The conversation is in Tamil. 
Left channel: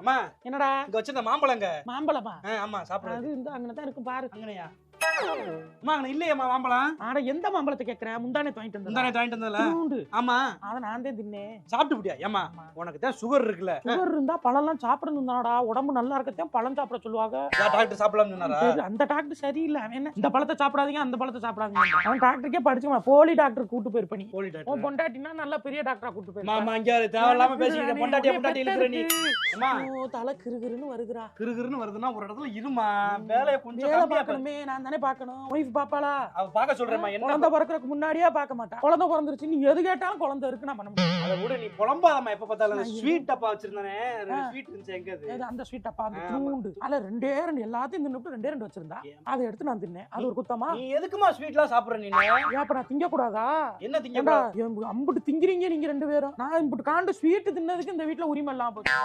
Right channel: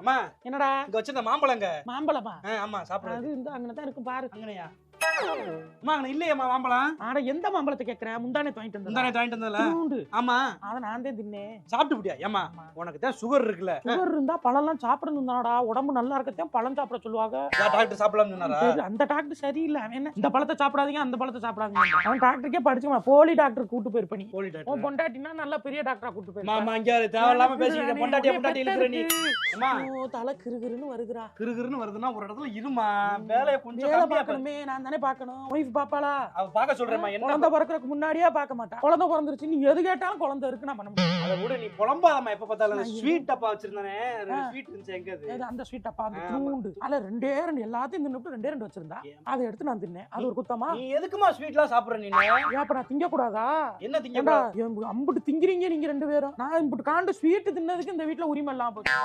அம்மா என்னடா இங்க வச்சிருந்த மாம்பழங்க. மாம்பழமா? ஆமா சாப்பிடுறது. அது இந்த அங்கனதான் இருக்கும் பாரு. அங்கனையா? அம்மா அங்க இல்லையேம்மா மாம்பழம். ஆட எந்த மாம்பழத்தை கேக்குற? முந்தானே வாங்கிட்டு வந்தா. முந்தானே வாங்கிட்டு வந்தல. ஆமா. அத நான் தான் தின்னேன். சாப்பிட்டு விட்டியா? ஏமா உனக்கு தான் சுகர் இருக்குல்ல. சுகர் இருந்தா பழம்லாம் சாப்பிடணும் தானடா. உடம்பு நல்லா இருக்கத்தான் பழம் சாப்பிட சொல்லுவாங்க. டாக்டர் சாப்பிடலாம் சொன்னாரா? அந்த டாக்டர் சரியில்லை. அவன் என்ன இந்த பழத்தை சாப்பிடாதீங்க அந்த பழத்தை சாப்பிடாதீங்க. அவன் டாக்டருக்கே படிச்சுக்கலாம். போலி டாக்டர் கூட்டு போயிருப்ப நீ. போலி டாக்டர். பொண்டாட்டினா நல்லா பெரிய டாக்டரா கூட்டு போயிருப்ப. மாமா இங்க தேவையில்லாம பேசிக்கிற பொண்டாட்டி இழுக்குற நீ. அம்மா தலை கிறுகிறுன்னு வருதுடா. கிறுகிறுன்னு வருதுன்னா ஒரு இடத்துல இருமா. வேலைய கொஞ்சம் வேலை கம்மியா பார்க்கணுமே. நான் தானே பார்க்கணும். ஒய்ஃப் பாப்பாளா? அவ பார்க்க சொல்றேம்மா. என்ன குழந்தை பிறக்கிறதுக்கு முன்னாடியே பார்க்க மாட்டா. குழந்தை பிறந்துருச்சு நீ எது கேட்டாலும் குழந்தை இருக்கு நான் பண்ண மாட்டேன். அத விட நீ புலம்பாதம்மா. எப்ப பார்த்தாலும் ஸ்வீட் டப்பா வச்சிருந்தானே. ஸ்வீட் இருந்துச்சு எங்க அது? அந்த ஸ்வீட் அப்பா அந்த தூண்டு. அதுல ரெண்டே ரெண்டு எல்லாத்தையும் தின்னுட்டு ரெண்டே ரெண்டு வச்சிருந்தா. அதை எடுத்து நான் தின்னேன். அது ஒரு குத்தமா? நீ எதுக்குமா ஸ்வீட்லாம் சாப்பிடுற நீ? ஏப்பா நான் திங்க கூடாதா? என்ன திங்க? அம்புட்டு திங்கிறீங்க நீங்க ரெண்டு பேரும். நான் இம்புட்டு காண்டு ஸ்வீட் தின்னதுக்கு இந்த வீட்டுல உரிமை இல்லாம போச்சு.